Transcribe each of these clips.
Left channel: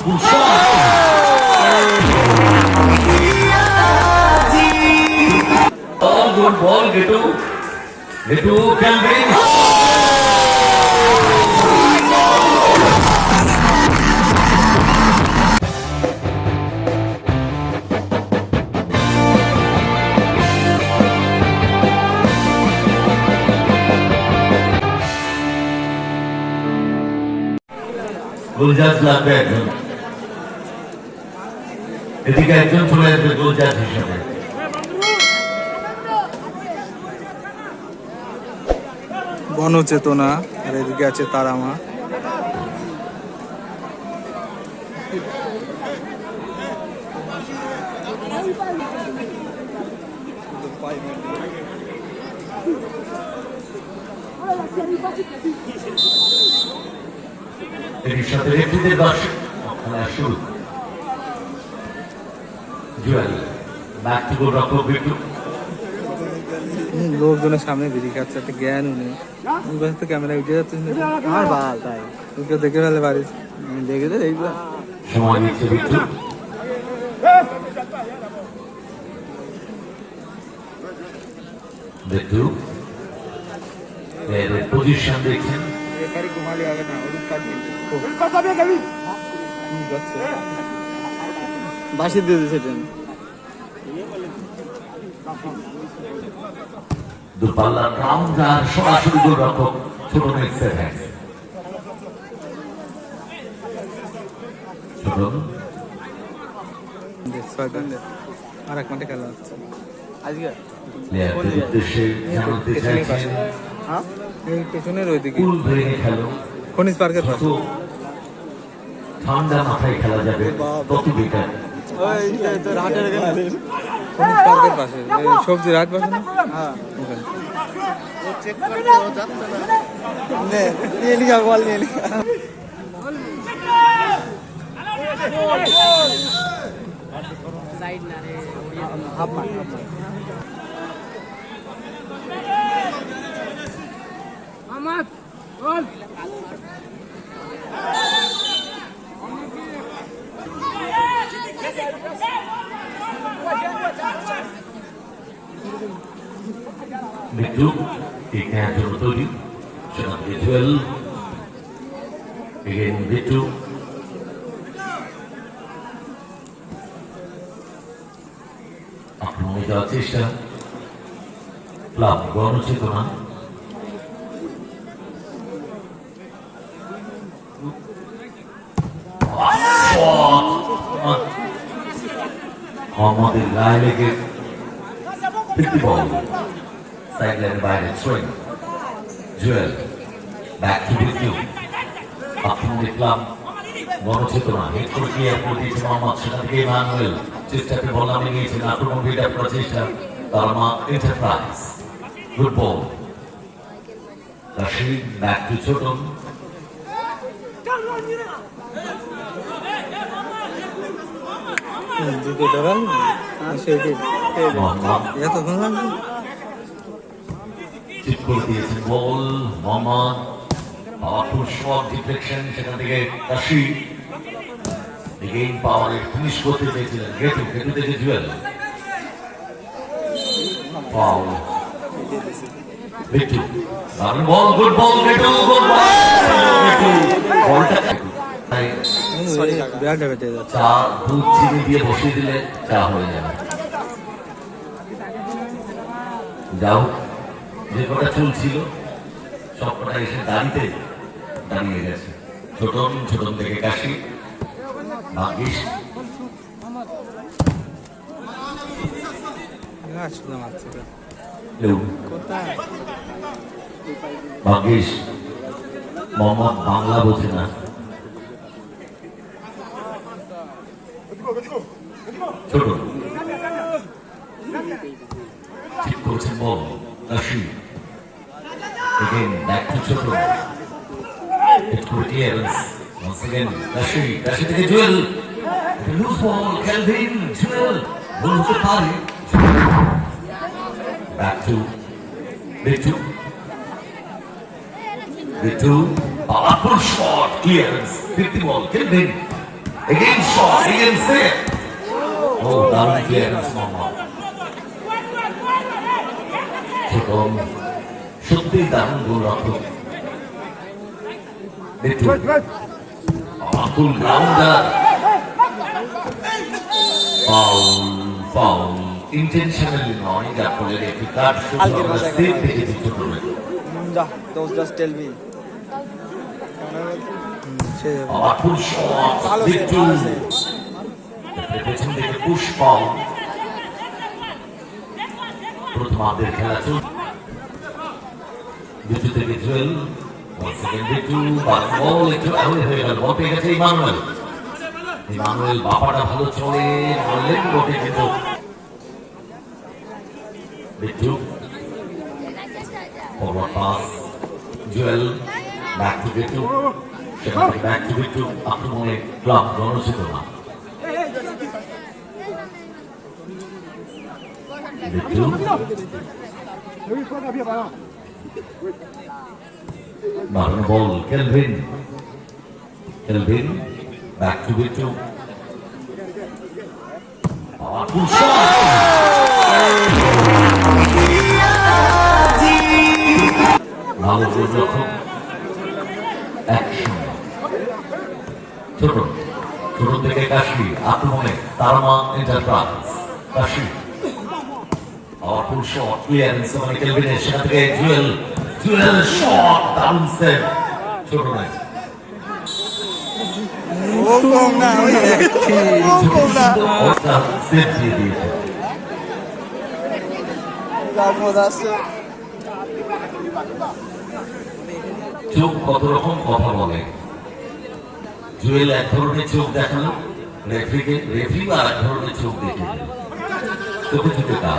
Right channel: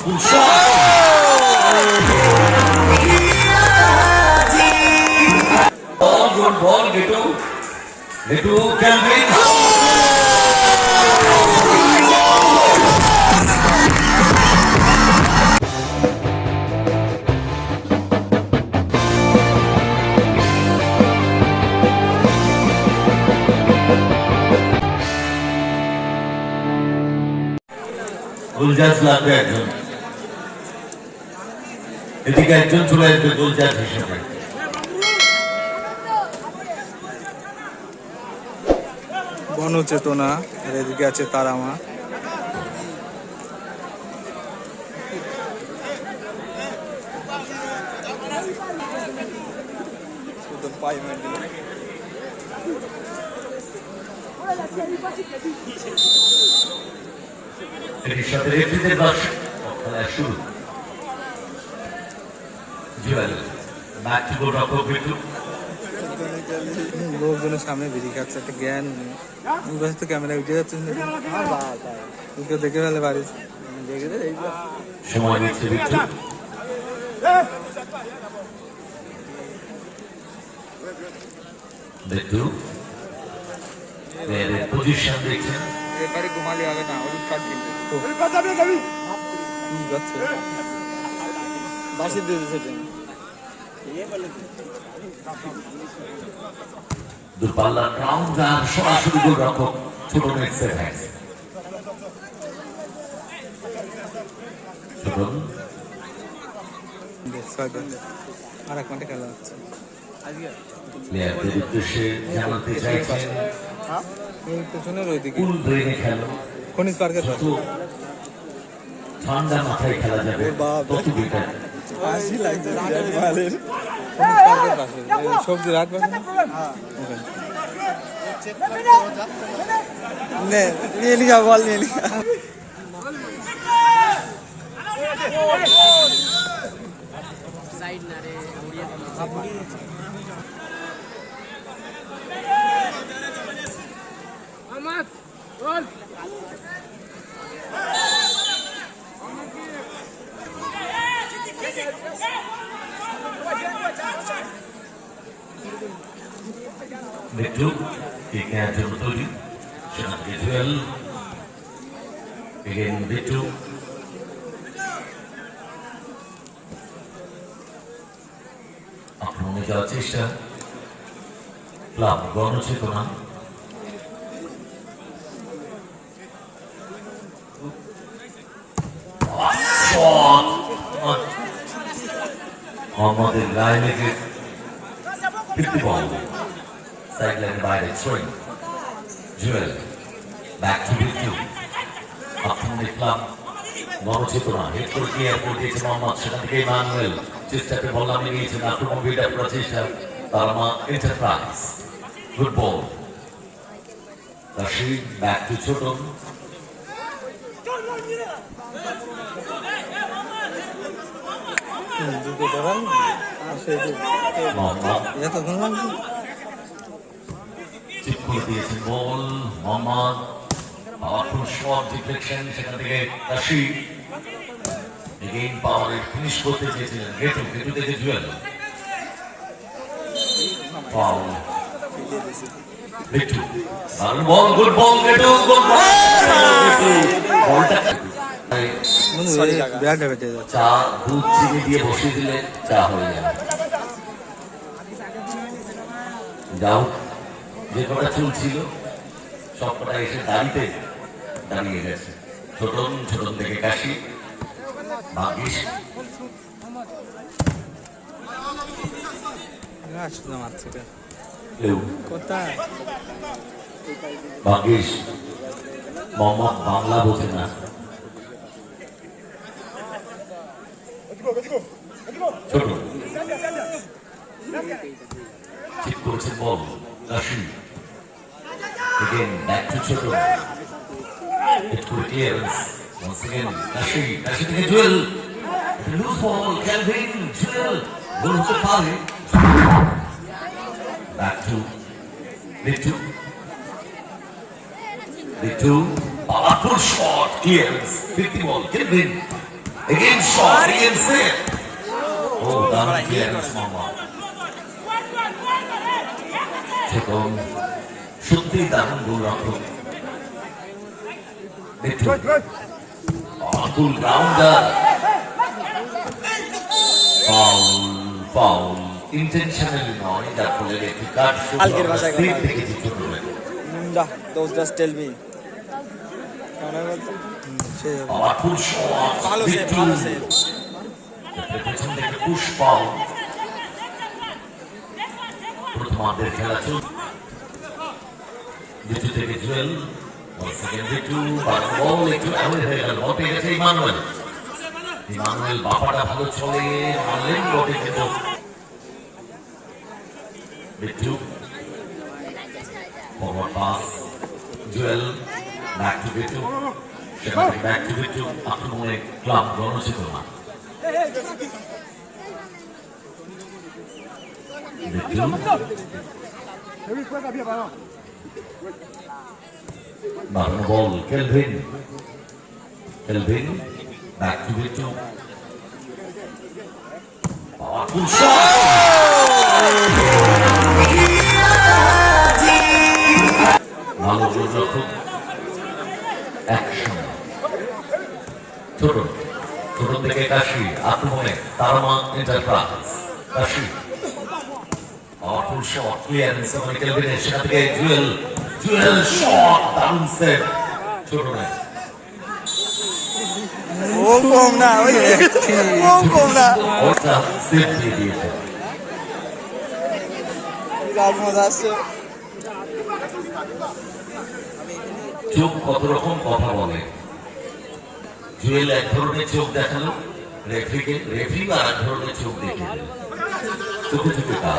powerful shot. Ball, good ball, Gitu. Gitu can bring. গুলজাজ লাগবে একজন এদিকে একজন চলে আসবে গুলজাজ হিসেবে। গণচেতনা আর এদিকে আছে তারামা এর সাথে রেফরিদের দর্শক খেলা শুরু। রক্ষক লোকজনের সামনে বেরিয়ে খাচ্ছে একটা জ্ঞান উনি। ওর কাছে তো ক্যামেরা উঠে যাচ্ছে কেউ দেখে ফেলে বাড়ি দেখে দে এইগুলো সময় নিচ্ছে বিট্টু বিট্টু প্লেয়ারের পজিশন দেখছেন। এবারে ঘুমালে হবে না ওর কাজ যাচ্ছে। বাসি দিয়ে দিয়েছে ট্রেন দূরপাল্লার রাউন্ড আর সরাসরি গোল রক্ষক ছোট নেক্সের আর এক মাঠে খেলা হচ্ছে। আজকে? প্লেয়ারদের উদ্দেশ্যে জানাতে চাইছেন হ্যাঁ? এই পেছনের ওইদিকে। কুল খেলো। খনিজ পার্কের পাশে। ঠান্ডা মাথায় খেলা যাবে পার্কের পাশে ওই সবজি রাট পাশে না ওখানে। নে, নিয়ে বল নিয়ে নি হাফ মার, হাফ মার। মৃত্যু ঠিক নেওয়ার জন্য তৈরি সেখান থেকে জুয়েল এগেন মৃত্যু আক্রমণে যাওয়ার চেষ্টা ক্লাব গণচেতনা আমাদের গায়ে লেগে fifty ball sideline by the swing. Joel, back to with you. Up from the club. বড় চেতনা হেড করে দিয়ে আপনি দিয়েছে মোহাম্মদ সেখান থেকে ইমানুয়েল চেষ্টাকে বল নামিয়ে নিয়েছেন আক্রমণ বিল্ড আপ করার চেষ্টা তারমা enterprise good ball Rashid back to Chhoton হুম, দুটো এতক্ষণ লাগবে দিয়েছেন বল মোহাম্মদ পাওয়ারফুল শট ডিফ্লেকশন সেখান থেকে রশিদ এগেইন পাওয়ারে ফিনিশ করতে চেয়েছিলেন গেটু গেটু থেকে জুয়েল পাওয়ার গেটু বল গুড বল গেটু গুড বল গেটু বলটা ব্যাগটা বেটে যাচ্ছে। চা দুধ চিনি দিয়ে বসিয়ে দিলে চা হয়ে যাবে। যাও যে কটা চুল ছিল সব কটা এসে দাঁড়িতে দাঁড়িয়ে গেছে। ছোটন ছোটন থেকে কাশি। ভাগ্যিস। আসলে মারছে এটা কেউ কোথায়? ভাগ্যিস। মোহাম্মদ বাংলা বোঝে না। ছোট ঠিক করছেন বল কাশি Again, back to Chotro. It could clearance. Once again, Rashi. Rashi থেকে Jewel loose ball Calvin Jewel goal হতে পারে back to Bittu Bittu powerful shot clearance fifty ball Calvin Again shot, again set. Oh, clearance মামা ছোটন সত্যিই দারুণ গোল রক্ষক Mithu Atul grounder foul foul intentionally নয় যার ফলে একটি কার্ড কালকের ভাষায় সেট থেকে যুক্ত করবে Nah, those just tell me. সে যাবে অতুল শট ভালো সে মিঠু ভালো সে পুশ পাও প্রথমার্ধের খেলা চল। দ্বিতীয় থেকে জুয়েল ইমানুয়েল। ইমানুয়েল বাপাটা ভালো চলে, মারলেন বটে কিন্তু Bittu forward pass, Jewel, back to Bittu সেখান থেকে ব্যাক টু বিটু আক্রমণে ক্লাব গণচিত বাড়ানো ball Kelvin Kelvin back to ছোট ছোট থেকে কাশি আক্রমণে তারামা এন্টারপ্রাইজ কাশি। নয় ও কম না ও কম না সেভ দিয়ে দিয়েছে গাছ মজা আসছে চোখ কত রকম কথা বলে জুয়েল এক ধরনের চোখ দেখাল রেফরিকে রেফরি আর এক ধরনের চোখ দেখে। চোখে চোখে কাজ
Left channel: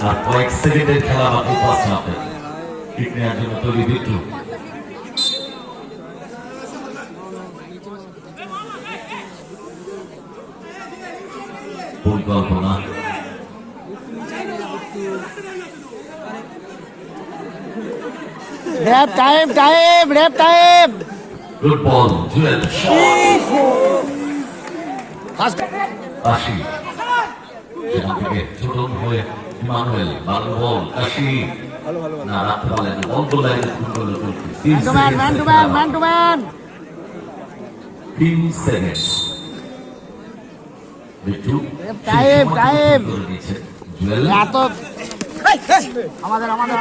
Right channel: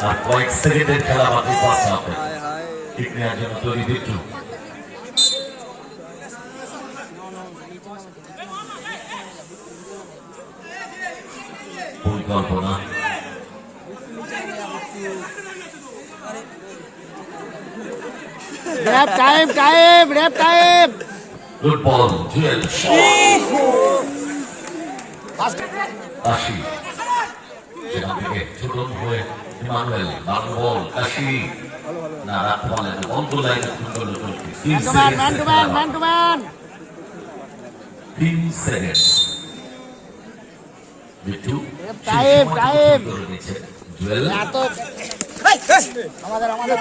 আর কয়েক সেকেন্ডের খেলা বাকি ফার্স্ট হাফে ঠিক নেওয়ার জন্য তৈরি বিট্টু পরিকল্পনা রেপ টাইম টাইম রেপ টাইম গুড বল জুয়েল কাশি সেখান থেকে ছোটন হয়ে ইমানুয়েল ভালো কাশি। না রাখতে পারলেন না লাইনে ফুল করল গোলকি তিন সেকেন্ড বিট্টু টাইম, টাইম। এত আমাদের আমাদের